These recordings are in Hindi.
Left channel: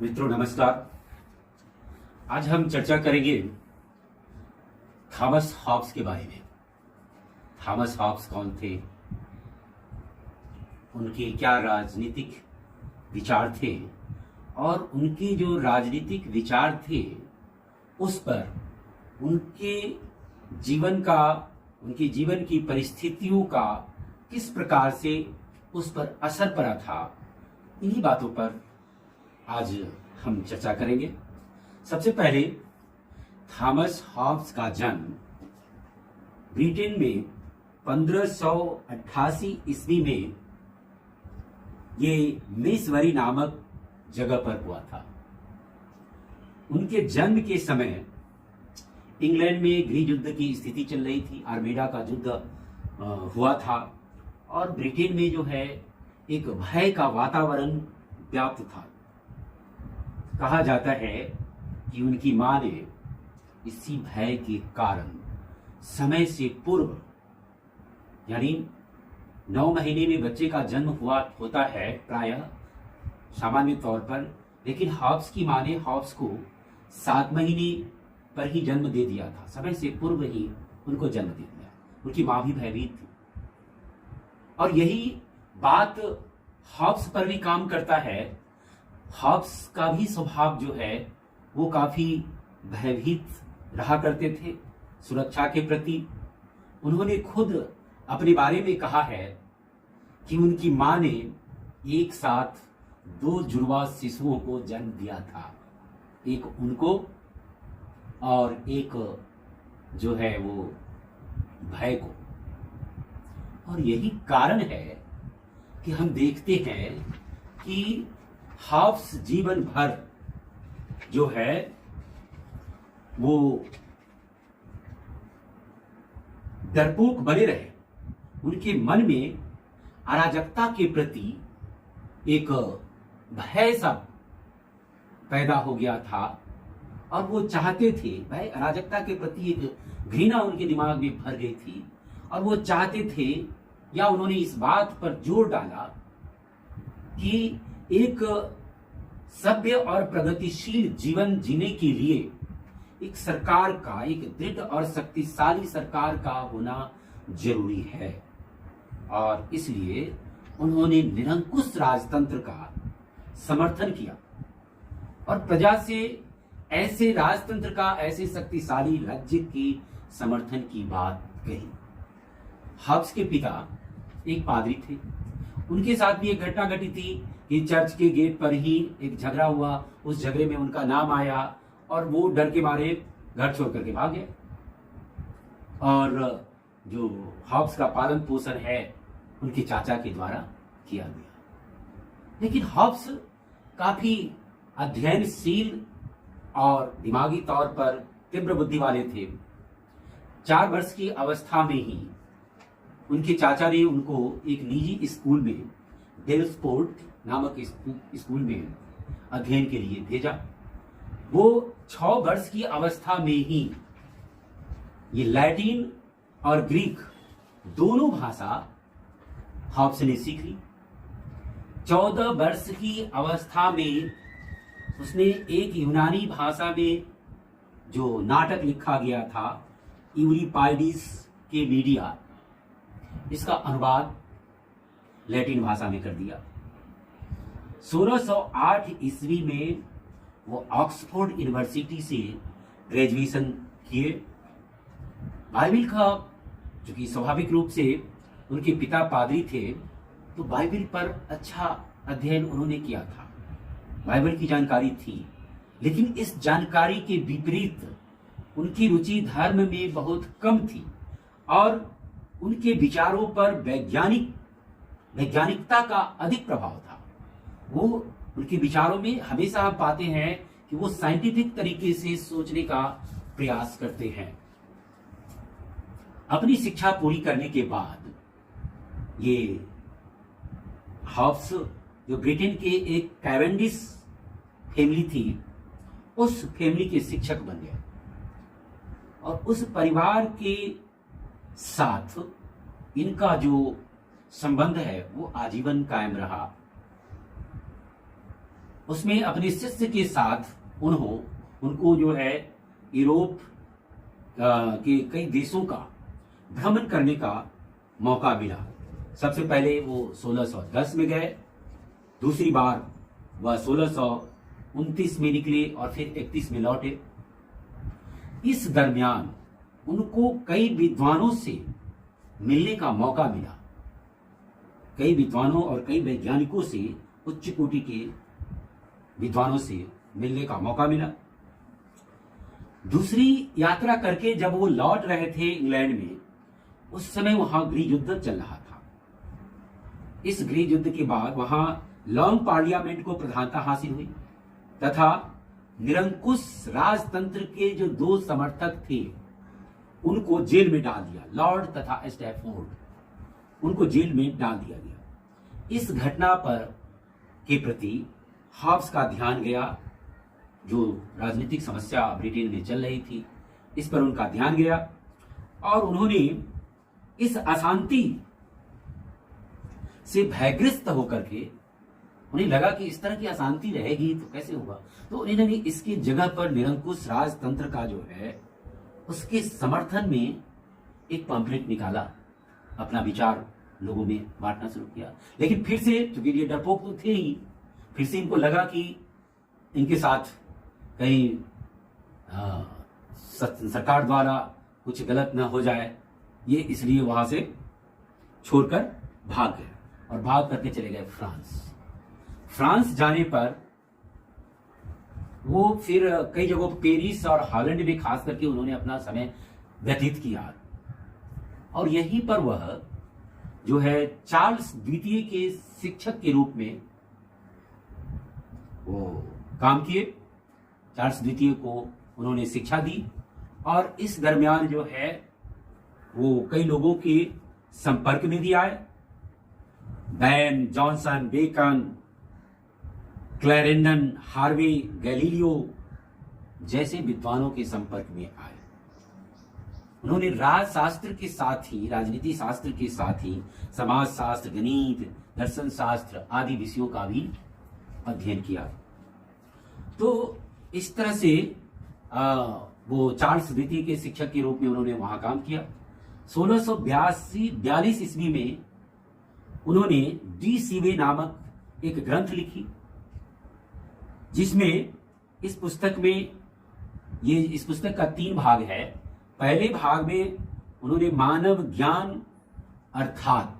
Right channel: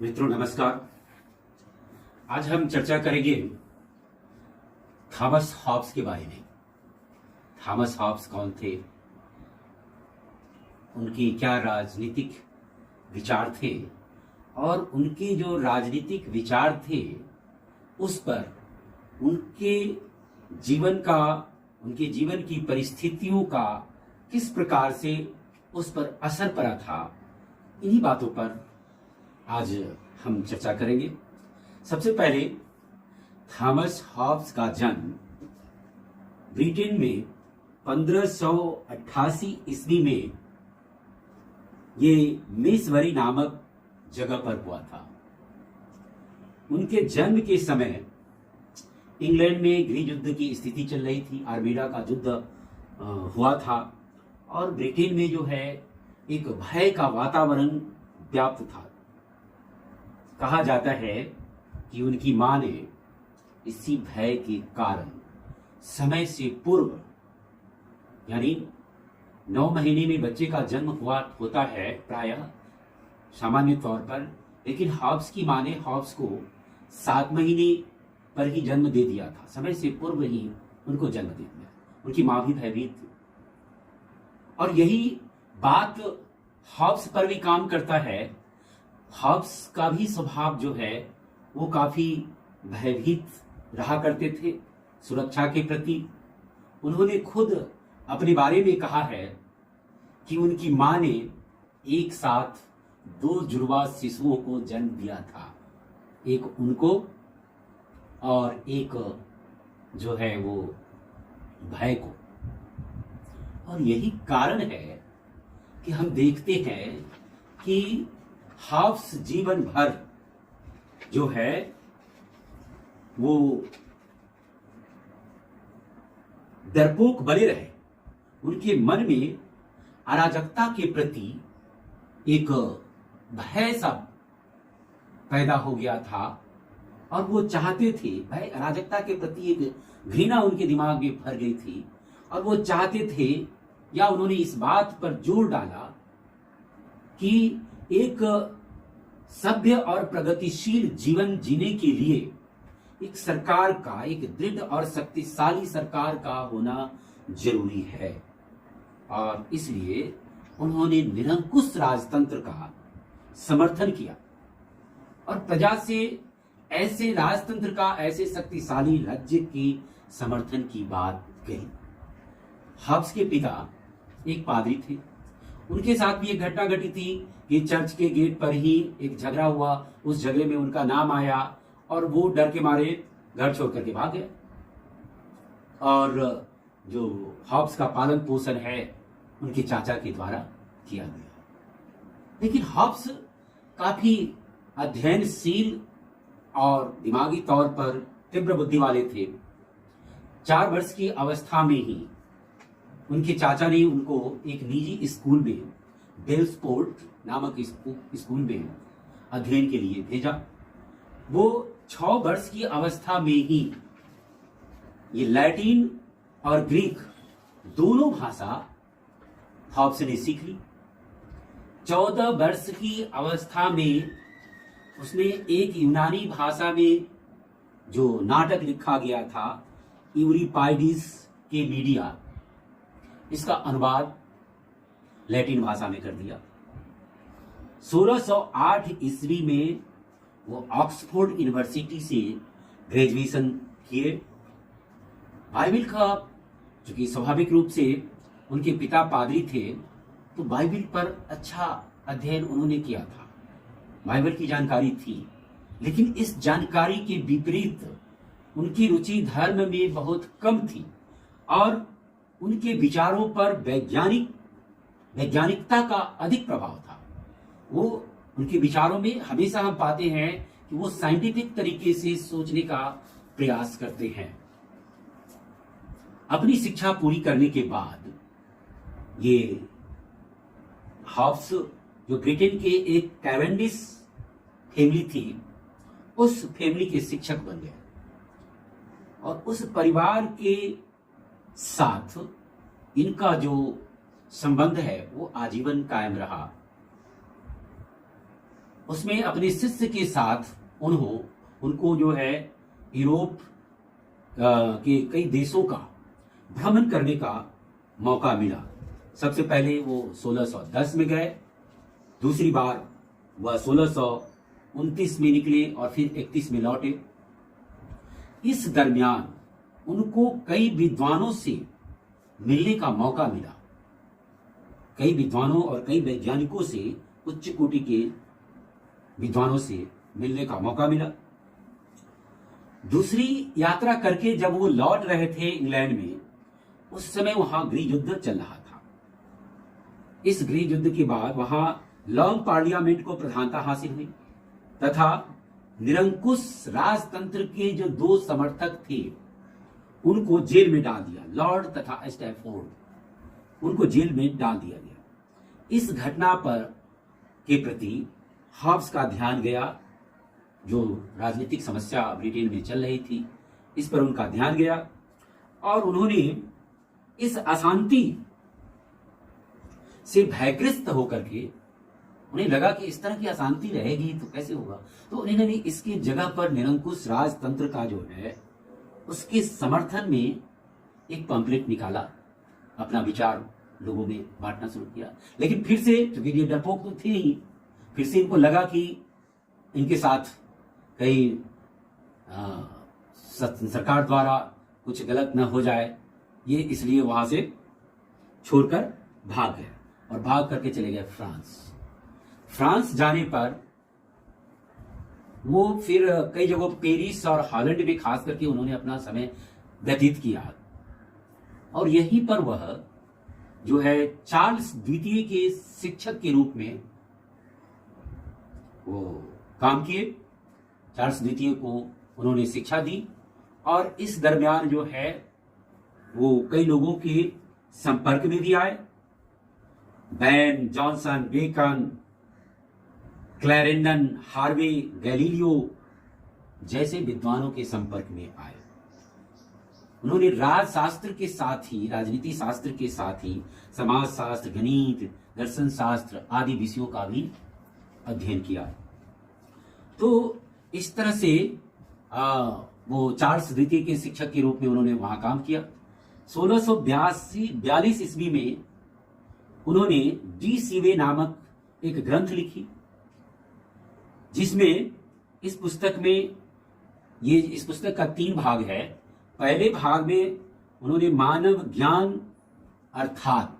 मित्रों नमस्कार। आज हम चर्चा करेंगे थॉमस हॉब्स के बारे में। थॉमस हॉब्स कौन थे, उनके क्या राजनीतिक विचार थे और उनके जो राजनीतिक विचार थे उस पर उनके उनके जीवन की परिस्थितियों का किस प्रकार से उस पर असर पड़ा था, इन्हीं बातों पर आज हम चर्चा करेंगे। सबसे पहले थॉमस हॉब्स का जन्म ब्रिटेन में 1588 ईस्वी में ये मेसवरी नामक जगह पर हुआ था। उनके जन्म के समय इंग्लैंड में गृह युद्ध की स्थिति चल रही थी, आर्मेडा का युद्ध हुआ था और ब्रिटेन में जो है एक भय का वातावरण व्याप्त था। कहा जाता है कि उनकी मां ने इसी भय के कारण समय से पूर्व, यानी 9 महीने में बच्चे का जन्म होता है प्रायः सामान्य तौर पर, लेकिन हॉब्स की मां ने हॉब्स को 7 महीने पर ही जन्म दे दिया था। समय से पूर्व ही उनको जन्म दे दिया। उनकी मां भी भयभीत थी और यही बात हॉब्स पर भी काम करता है। हॉब्स का भी स्वभाव जो है वो काफी भयभीत रहा करते थे सुरक्षा के प्रति। उन्होंने खुद अपने बारे में कहा है कि उनकी मां ने एक साथ 2 जुड़वा शिशुओं को जन्म दिया था, एक उनको और एक जो है वो भय को। और यही कारण है कि हम देखते हैं कि हॉब्स जीवन भर जो है वो डरपोक बने रहे। उनके मन में अराजकता के प्रति एक भय सा पैदा हो गया था और वो चाहते थे, भय अराजकता के प्रति एक घृणा उनके दिमाग में भर गई थी और वो चाहते थे, या उन्होंने इस बात पर जोर डाला कि एक सभ्य और प्रगतिशील जीवन जीने के लिए एक सरकार का, एक दृढ़ और शक्तिशाली सरकार का होना जरूरी है। और इसलिए उन्होंने निरंकुश राजतंत्र का समर्थन किया और प्रजा से ऐसे राजतंत्र का, ऐसे शक्तिशाली राज्य के समर्थन की बात कही। हॉब्स के पिता एक पादरी थे। उनके साथ भी एक घटना घटी थी कि चर्च के गेट पर ही एक झगड़ा हुआ। उस झगड़े में उनका नाम आया और वो डर के मारे घर छोड़ करके भाग गए। और जो हॉब्स का पालन पोषण है उनके चाचा के द्वारा किया गया। लेकिन हॉब्स काफी अध्ययनशील और दिमागी तौर पर तीव्र बुद्धि वाले थे। 4 वर्ष की अवस्था में ही उनके चाचा ने उनको एक निजी स्कूल में, डेलस्पोर्ट नामक स्कूल में अध्ययन के लिए भेजा। वो 6 वर्ष की अवस्था में ही ये लैटिन और ग्रीक दोनों भाषा हॉब्स ने सीख ली। 14 वर्ष की अवस्था में उसने एक यूनानी भाषा में जो नाटक लिखा गया था, यूरिपाइडिस के मीडिया, इसका अनुवाद लैटिन भाषा में कर दिया। 1608 ईस्वी में वो ऑक्सफोर्ड यूनिवर्सिटी से ग्रेजुएशन किए। बाइबिल का, चूंकि स्वाभाविक रूप से उनके पिता पादरी थे, तो बाइबिल पर अच्छा अध्ययन उन्होंने किया था, बाइबल की जानकारी थी। लेकिन इस जानकारी के विपरीत उनकी रुचि धर्म में बहुत कम थी और उनके विचारों पर वैज्ञानिकता का अधिक प्रभाव था। वो उनके विचारों में हमेशा हम पाते हैं कि वो साइंटिफिक तरीके से सोचने का प्रयास करते हैं। अपनी शिक्षा पूरी करने के बाद ये हॉब्स, जो ब्रिटेन के एक कैवेंडिश फैमिली थी, उस फैमिली के शिक्षक बन गए और उस परिवार के साथ इनका जो संबंध है वो आजीवन कायम रहा। उसमें अपने शिष्य के साथ उनको जो है यूरोप के कई देशों का भ्रमण करने का मौका मिला। सबसे पहले वो 1610 में गए, दूसरी बार वह 1629 में निकले और फिर 31 में लौटे। इस दरमियान उनको कई विद्वानों से मिलने का मौका मिला, कई विद्वानों और कई वैज्ञानिकों से, उच्च कोटि के विद्वानों से मिलने का मौका मिला। दूसरी यात्रा करके जब वो लौट रहे थे इंग्लैंड में, उस समय वहां गृह युद्ध चल रहा था। इस गृह युद्ध के बाद वहां लॉन्ग पार्लियामेंट को प्रधानता हासिल हुई तथा निरंकुश राजतंत्र के जो दो समर्थक थे उनको जेल में डाल दिया। लॉर्ड तथा स्टैफोर्ड, उनको जेल में डाल दिया गया। इस घटना पर के प्रति हॉब्स का ध्यान गया। जो राजनीतिक समस्या ब्रिटेन में चल रही थी, इस पर उनका ध्यान गया और उन्होंने इस अशांति से भयग्रस्त होकर के, उन्हें लगा कि इस तरह की अशांति रहेगी तो कैसे होगा, तो उन्होंने इसकी जगह पर निरंकुश राजतंत्र का जो है उसके समर्थन में एक पम्पलेट निकाला, अपना विचार लोगों में बांटना शुरू किया। लेकिन फिर से, क्योंकि ये डरपोक तो थे ही, फिर से इनको लगा कि इनके साथ कहीं सरकार द्वारा कुछ गलत न हो जाए, ये इसलिए वहां से छोड़कर भाग गए और भाग करके चले गए फ्रांस जाने पर वो फिर कई जगहों पेरिस और हॉलैंड में खास करके उन्होंने अपना समय व्यतीत किया और यहीं पर वह जो है चार्ल्स द्वितीय के शिक्षक के रूप में वो काम किए। चार्ल्स द्वितीय को उन्होंने शिक्षा दी और इस दरमियान जो है वो कई लोगों के संपर्क में भी आए। Ben, Jonson, Bacon, Clarendon, Harvey, Galileo जैसे विद्वानों के संपर्क में आए। उन्होंने राजशास्त्र के साथ ही, राजनीति शास्त्र के साथ ही समाज शास्त्र, गणित, दर्शन शास्त्र आदि विषयों का भी अध्ययन किया। तो इस तरह से वो चार्ल्स द्वितीय के शिक्षक के रूप में उन्होंने वहां काम किया। 1642 ईस्वी में उन्होंने डी सीवे नामक एक ग्रंथ लिखी, जिसमें इस पुस्तक का 3 भाग है। पहले भाग में उन्होंने मानव ज्ञान अर्थात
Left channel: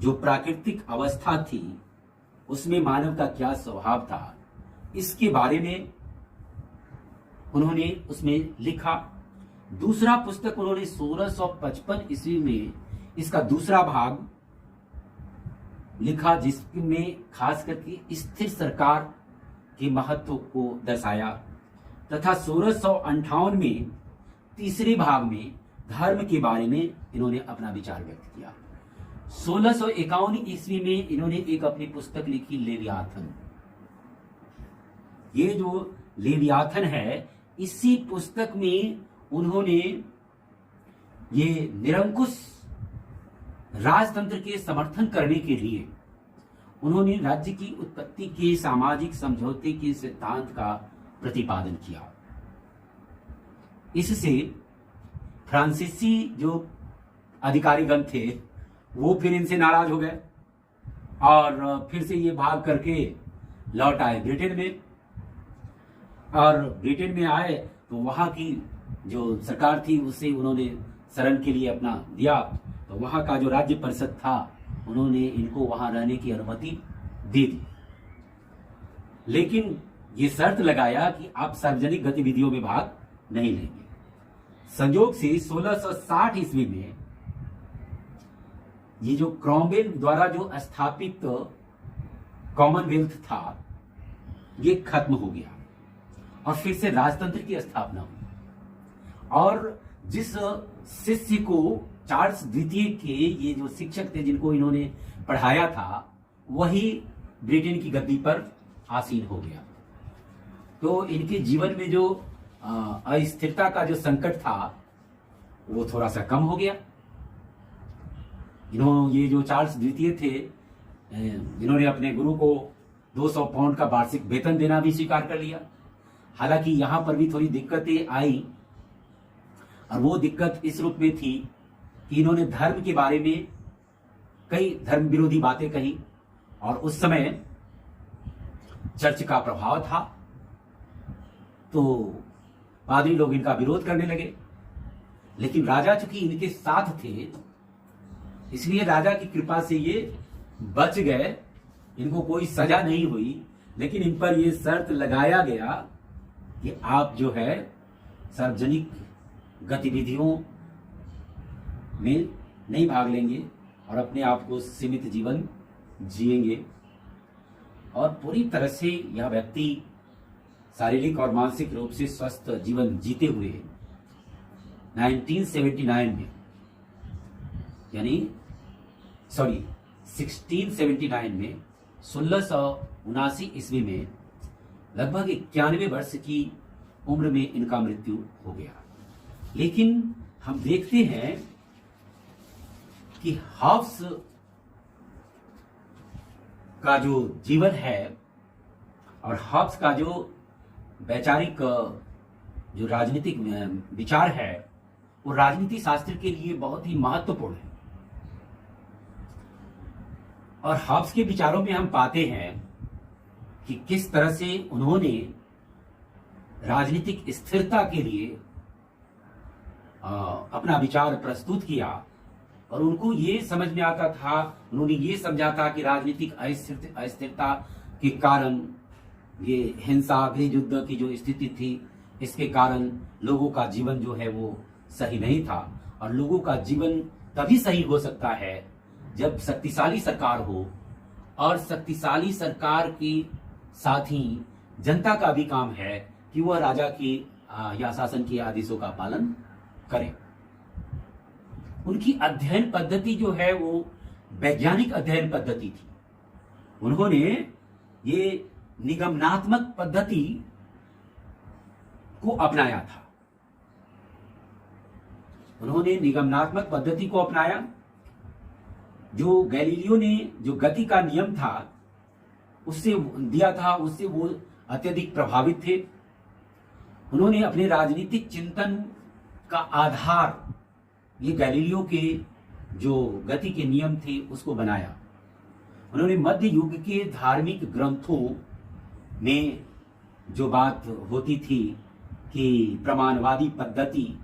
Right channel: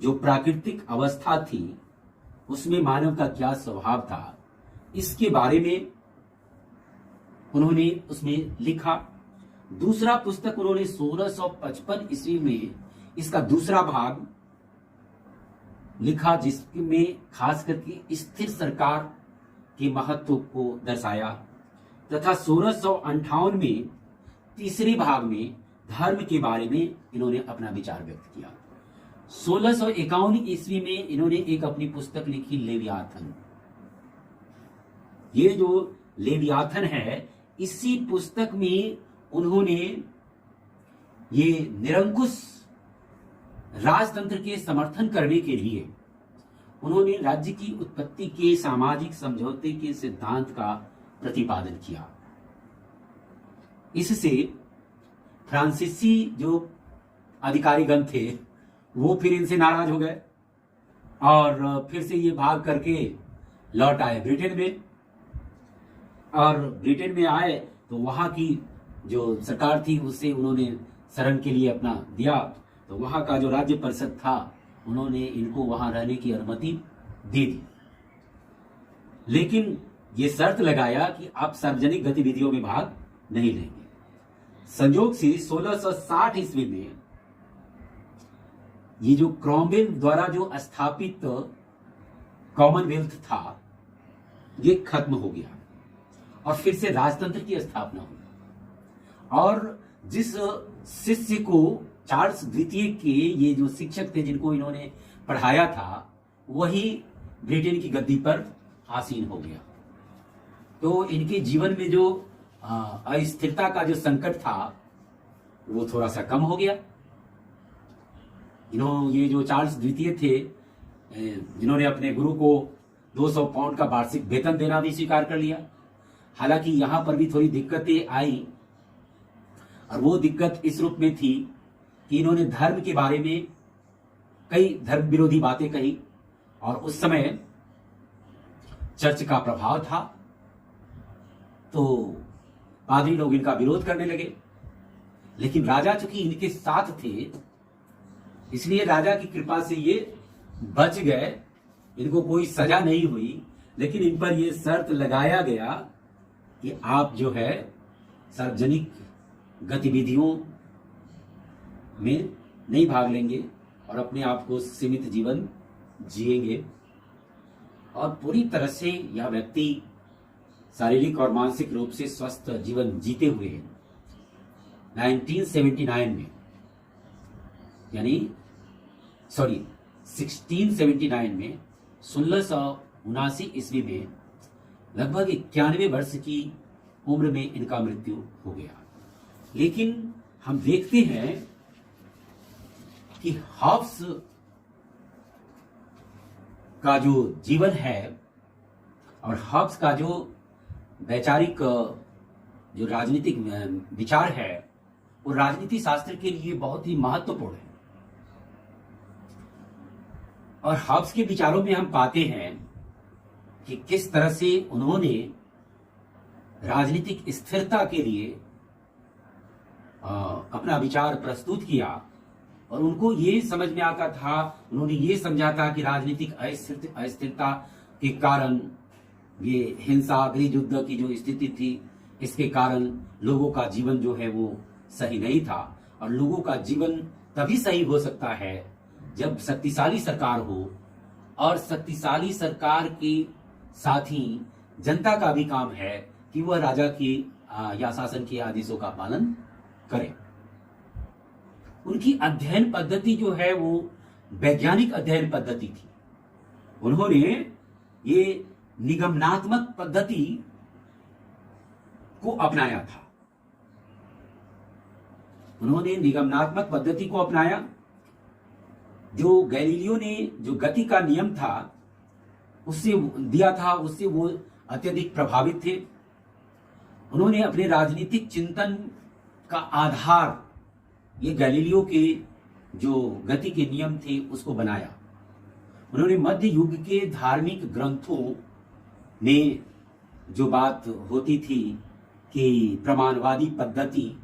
जो प्राकृतिक अवस्था थी उसमें मानव का क्या स्वभाव था, इसके बारे में उन्होंने उसमें लिखा। दूसरा पुस्तक उन्होंने 1655 ईस्वी में इसका दूसरा भाग लिखा, जिसमें खास करके स्थिर सरकार के महत्व को दर्शाया तथा 1658 में तीसरे भाग में धर्म के बारे में इन्होंने अपना विचार व्यक्त किया। 1651 ईस्वी में इन्होंने एक अपनी पुस्तक लिखी, लेवियाथन। ये जो लेवियाथन है, इसी पुस्तक में उन्होंने ये निरंकुश राजतंत्र के समर्थन करने के लिए उन्होंने राज्य की उत्पत्ति के सामाजिक समझौते के सिद्धांत का प्रतिपादन किया। इससे फ्रांसीसी जो अधिकारीगण थे वो फिर इनसे नाराज हो गए और फिर से ये भाग करके लौट आए ब्रिटेन में। और ब्रिटेन में आए तो वहां की जो सरकार थी उससे उन्होंने शरण के लिए अपना दिया, तो वहां का जो राज्य परिषद था उन्होंने इनको वहां रहने की अनुमति दे दी, लेकिन ये शर्त लगाया कि आप सार्वजनिक गतिविधियों में भाग नहीं लेंगे। संयोग से 1660 ईस्वी में ये जो क्रॉमवेल द्वारा जो स्थापित कॉमनवेल्थ था ये खत्म हो गया और फिर से राजतंत्र की स्थापना हुई। और जिस शिष्य को चार्ल्स द्वितीय के ये जो शिक्षक थे जिनको इन्होंने पढ़ाया था, वही ब्रिटेन की गद्दी पर आसीन हो गया। तो इनके जीवन में जो अस्थिरता का जो संकट था वो थोड़ा सा कम हो गया। ये जो चार्ल्स द्वितीय थे जिन्होंने अपने गुरु को 200 पाउंड का वार्षिक वेतन देना भी स्वीकार कर लिया। हालांकि यहां पर भी थोड़ी दिक्कतें आई, और वो दिक्कत इस रूप में थी कि इन्होंने धर्म के बारे में कई धर्म विरोधी बातें कही, और उस समय चर्च का प्रभाव था, तो पादरी लोग इनका विरोध करने लगे। लेकिन राजा चूंकि इनके साथ थे, इसलिए राजा की कृपा से ये बच गए, इनको कोई सजा नहीं हुई। लेकिन इन पर यह शर्त लगाया गया कि आप जो है सार्वजनिक गतिविधियों में नहीं भाग लेंगे और अपने आप को सीमित जीवन जिएंगे। और पूरी तरह से यह व्यक्ति शारीरिक और मानसिक रूप से स्वस्थ जीवन जीते हुए 1679 में 1679 ईस्वी में लगभग 91 वर्ष की उम्र में इनका मृत्यु हो गया। लेकिन हम देखते हैं कि हॉब्स का जो जीवन है और हॉब्स का जो वैचारिक जो राजनीतिक विचार है, वो राजनीति शास्त्र के लिए बहुत ही महत्वपूर्ण है। और हॉब्स के विचारों में हम पाते हैं कि किस तरह से उन्होंने राजनीतिक स्थिरता के लिए अपना विचार प्रस्तुत किया। और उनको ये समझ में आता था, उन्होंने ये समझा था कि राजनीतिक अस्थिरता के कारण, ये हिंसा गृह युद्ध की जो स्थिति थी, इसके कारण लोगों का जीवन जो है वो सही नहीं था। और लोगों का जीवन तभी सही हो सकता है जब शक्तिशाली सरकार हो, और शक्तिशाली सरकार के साथ ही जनता का भी काम है कि वह राजा की या शासन के आदेशों का पालन करे। उनकी अध्ययन पद्धति जो है वो वैज्ञानिक अध्ययन पद्धति थी। उन्होंने ये निगमनात्मक पद्धति को अपनाया था। उन्होंने निगमनात्मक पद्धति को अपनाया। जो गैलीलियो ने जो गति का नियम था उससे दिया था, उससे वो अत्यधिक प्रभावित थे। उन्होंने अपने राजनीतिक चिंतन का आधार ये गैलीलियो के जो गति के नियम थे उसको बनाया। उन्होंने मध्य युग के धार्मिक ग्रंथों में जो बात होती थी कि प्रमाणवादी पद्धति,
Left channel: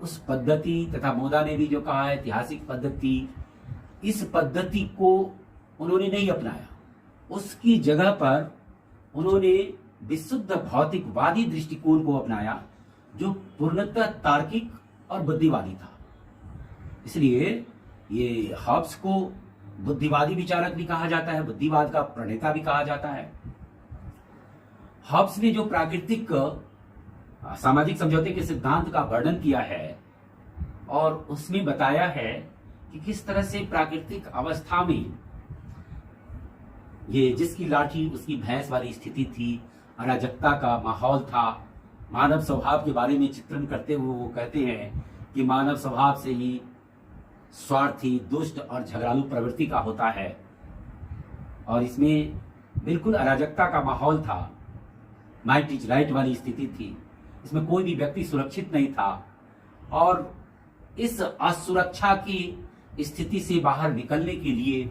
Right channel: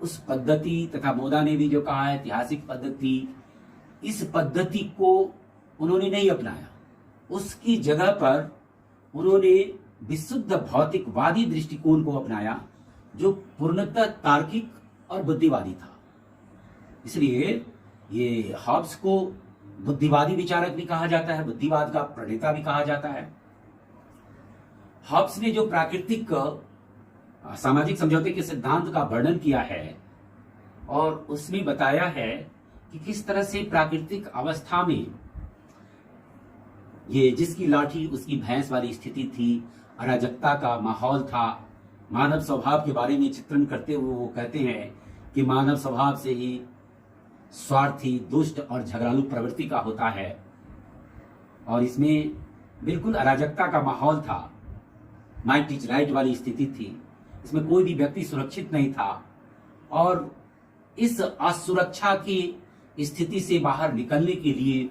उस पद्धति तथा मोदा ने भी जो कहा ऐतिहासिक पद्धति, इस पद्धति को उन्होंने नहीं अपनाया। उसकी जगह पर उन्होंने विशुद्ध भौतिकवादी दृष्टिकोण को अपनाया, जो पूर्णतः तार्किक और बुद्धिवादी था। इसलिए ये हॉब्स को बुद्धिवादी विचारक भी कहा जाता है, बुद्धिवाद का प्रणेता भी कहा जाता है। हॉब्स ने जो प्राकृतिक सामाजिक समझौते के सिद्धांत का वर्णन किया है, और उसमें बताया है कि किस तरह से प्राकृतिक अवस्था में ये जिसकी लाठी उसकी भैंस वाली स्थिति थी, अराजकता का माहौल था। मानव स्वभाव के बारे में चित्रण करते हुए वो कहते हैं कि मानव स्वभाव से ही स्वार्थी, दुष्ट और झगड़ालू प्रवृत्ति का होता है, और इसमें बिल्कुल अराजकता का माहौल था। माइट इज राइट वाली स्थिति थी, इसमें कोई भी व्यक्ति सुरक्षित नहीं था। और इस असुरक्षा की स्थिति से बाहर निकलने के लिए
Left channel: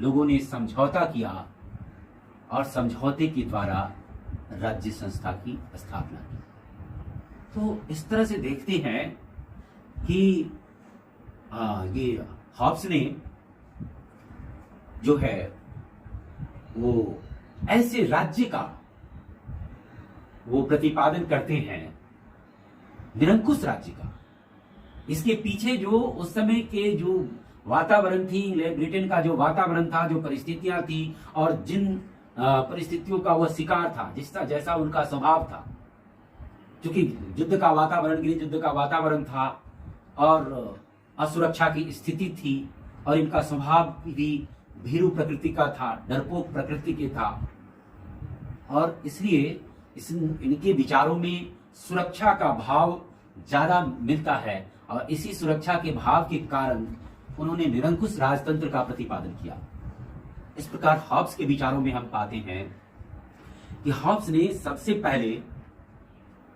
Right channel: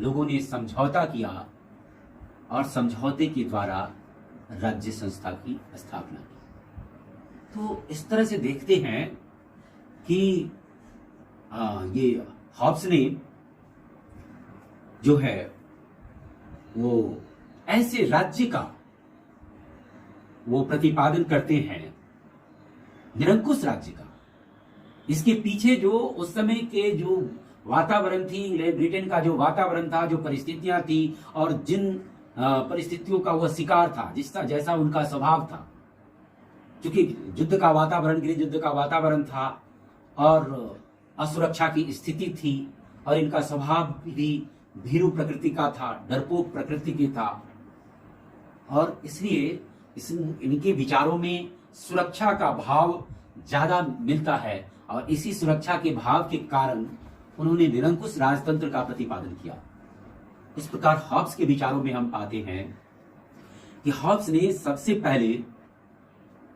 लोगों ने समझौता किया, और समझौते के द्वारा राज्य संस्था की स्थापना की। तो इस तरह से देखते हैं कि ये हॉब्स ने जो है वो ऐसे राज्य का वो प्रतिपादन करते हैं, निरंकुश राज्य का। इसके पीछे जो उस समय के जो वातावरण थी, ब्रिटेन का जो वातावरण था, जो परिस्थितियां थी, और जिन परिस्थितियों का वह शिकार था, जिसका जैसा उनका स्वभाव था, क्योंकि युद्ध का वातावरण, गृह युद्ध का वातावरण था, और असुरक्षा की स्थिति थी, और इनका स्वभाव भी भीरू प्रकृति का था, डरपोक प्रकृति की था। और इसलिए इनके विचारों में सुरक्षा का भाव ज्यादा मिलता है, और इसी सुरक्षा के भाव के कारण उन्होंने निरंकुश राजतंत्र का प्रतिपादन किया। इस प्रकार हॉब्स के विचारों में हम पाते हैं कि हॉब्स ने सबसे पहले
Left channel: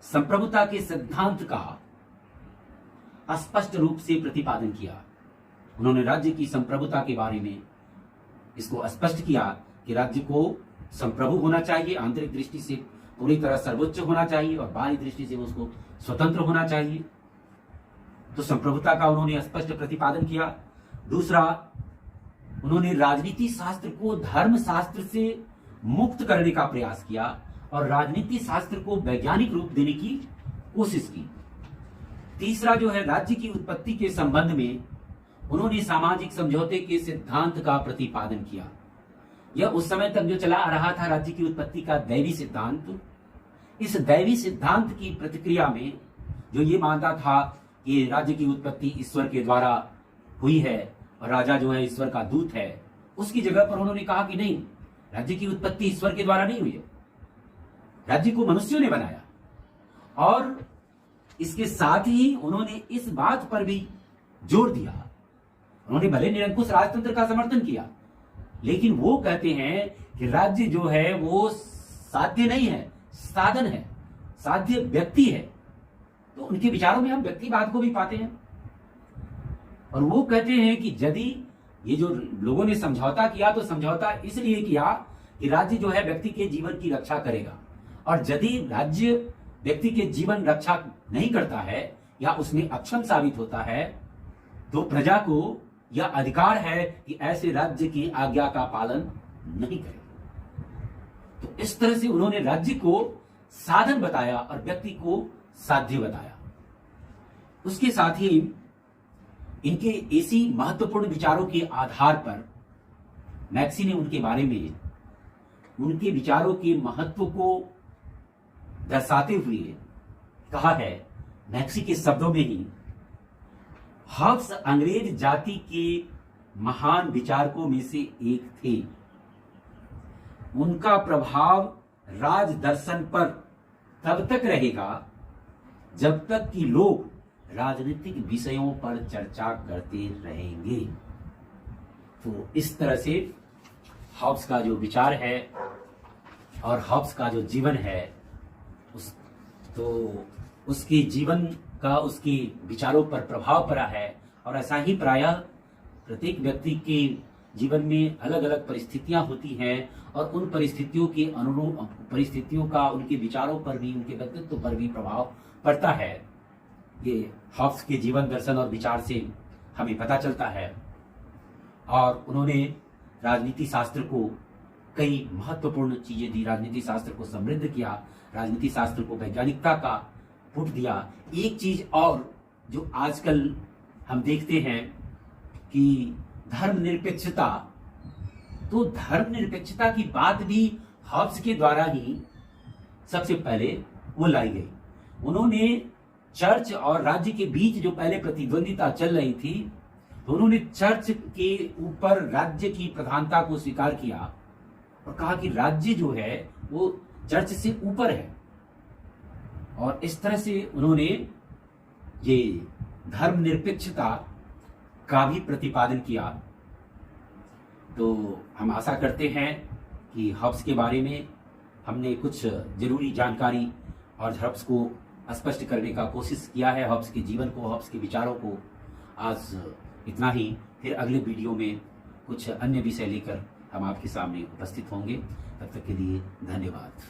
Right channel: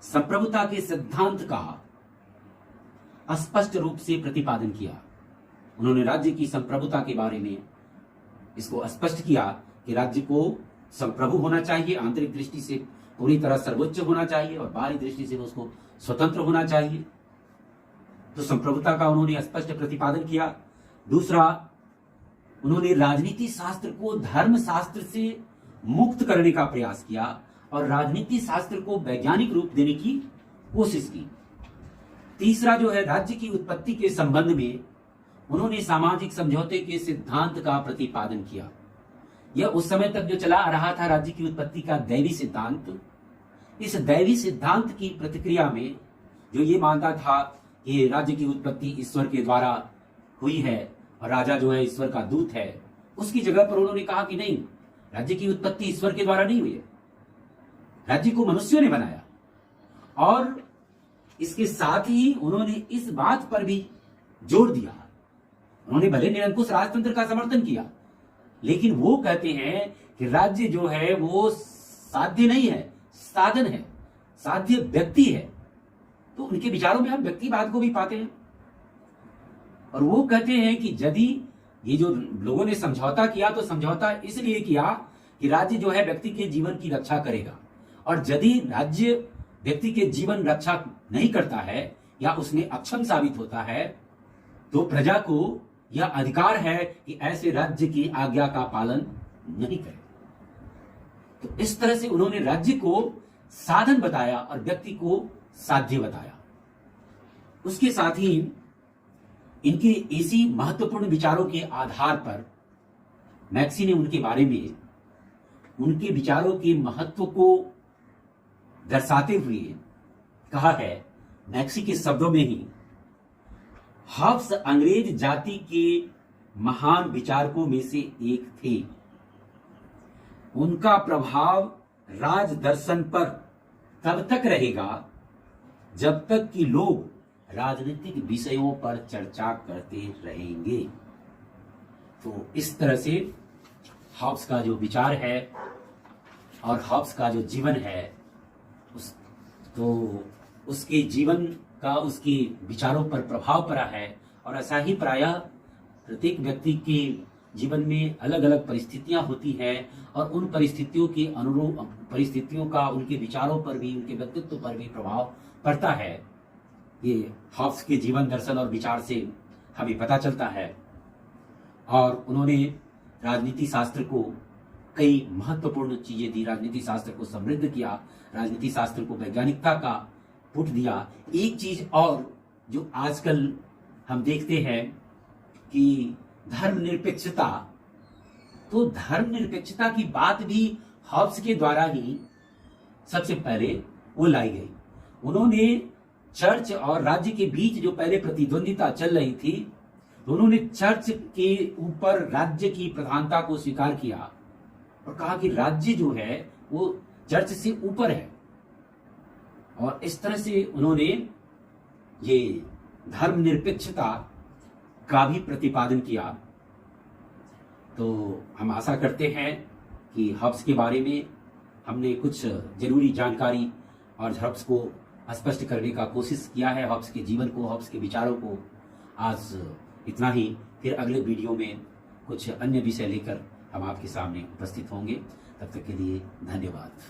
संप्रभुता के सिद्धांत का स्पष्ट रूप से प्रतिपादन किया। उन्होंने राज्य की संप्रभुता के बारे में इसको स्पष्ट किया कि राज्य को संप्रभु होना चाहिए, आंतरिक दृष्टि से पूरी तरह सर्वोच्च होना चाहिए और बाहरी दृष्टि से उसको स्वतंत्र होना चाहिए। तो संप्रभुता का उन्होंने स्पष्ट प्रतिपादन किया। दूसरा, उन्होंने राजनीति शास्त्र को धर्म शास्त्र से मुक्त करने का प्रयास किया और राजनीति शास्त्र को वैज्ञानिक रूप देने की कोशिश की। तीसरा जो है, राज्य की उत्पत्ति के संबंध में उन्होंने सामाजिक समझौते के सिद्धांत का प्रतिपादन किया। यह उस समय तक जो चला आ रहा था राज्य की उत्पत्ति का दैवी सिद्धांत, इस दैवी सिद्धांत की प्रतिक्रिया में जो ये मानता था कि राज्य की उत्पत्ति ईश्वर के द्वारा हुई है और राजा जो है ईश्वर का दूत है, उसकी जगह पर उन्होंने कहा कि नहीं, राज्य की उत्पत्ति ईश्वर के द्वारा नहीं हुई है, राज्य को मनुष्यों ने बनाया। और इसके साथ ही उन्होंने इस बात पर भी जोर दिया, उन्होंने भले निरंकुश राजतंत्र का समर्थन किया, लेकिन वो कहते हैं कि राज्य जो है वो साध्य नहीं है, साधन है, साध्य व्यक्ति है। तो उनके विचारों में हम व्यक्तिवाद को भी पाते हैं। और वो कहते हैं कि यदि ये जो लोगों ने समझौता किया तो समझौता इसलिए किया कि राज्य जो है व्यक्ति के जीवन की रक्षा करेगा, और यदि राज्य व्यक्ति के जीवन रक्षा नहीं करता है या उसमें अक्षम साबित होता है तो प्रजा को यह अधिकार है कि ऐसे राज्य की आज्ञा का पालन नहीं करे। तो इस तरह से उन्होंने राज्य को साधन बताया और व्यक्ति को साध्य बताया। उसके साथ ही इनके ऐसी महत्वपूर्ण विचारों के आधार पर मैक्सी ने उनके बारे में, उनके विचारों के महत्व को दर्शाते हुए कहा है, मैक्सी के शब्दों में ही, हॉब्स अंग्रेज जाति के महान विचारकों में से एक थे। उनका प्रभाव राज दर्शन पर तब तक रहेगा जब तक कि लोग राजनीतिक विषयों पर चर्चा करते रहेंगे। तो इस तरह से हॉब्स का जो विचार है और हॉब्स का जो जीवन है उसके जीवन का उसके विचारों पर प्रभाव पड़ा है। और ऐसा ही प्रायः प्रत्येक व्यक्ति के जीवन में अलग अलग परिस्थितियां होती हैं और उन परिस्थितियों के अनुरूप परिस्थितियों का उनके विचारों पर भी, उनके व्यक्तित्व पर भी प्रभाव पड़ता है। ये हॉब्स के जीवन दर्शन और विचार से हमें पता चलता है। और उन्होंने राजनीति शास्त्र को कई महत्वपूर्ण चीजें दी, राजनीति शास्त्र को समृद्ध किया, राजनीति शास्त्र को वैज्ञानिकता का पुट दिया। एक चीज और जो आजकल हम देखते हैं कि धर्मनिरपेक्षता, तो धर्मनिरपेक्षता की बात भी हॉब्स के द्वारा ही सबसे पहले वो लाई गई। उन्होंने चर्च और राज्य के बीच जो पहले प्रतिद्वंदिता चल रही थी, तो उन्होंने चर्च के ऊपर राज्य की प्रधानता को स्वीकार किया और कहा कि राज्य जो है वो चर्च से ऊपर है। और इस तरह से उन्होंने ये धर्मनिरपेक्षता का भी प्रतिपादन किया। तो हम आशा करते हैं कि हॉब्स के बारे में हमने कुछ जरूरी जानकारी और हॉब्स को स्पष्ट करने का कोशिश किया है, हॉब्स के जीवन को, हॉब्स के विचारों को। आज इतना ही, फिर अगले वीडियो में कुछ अन्य विषय लेकर हम आपके सामने उपस्थित होंगे। तब तक के लिए धन्यवाद।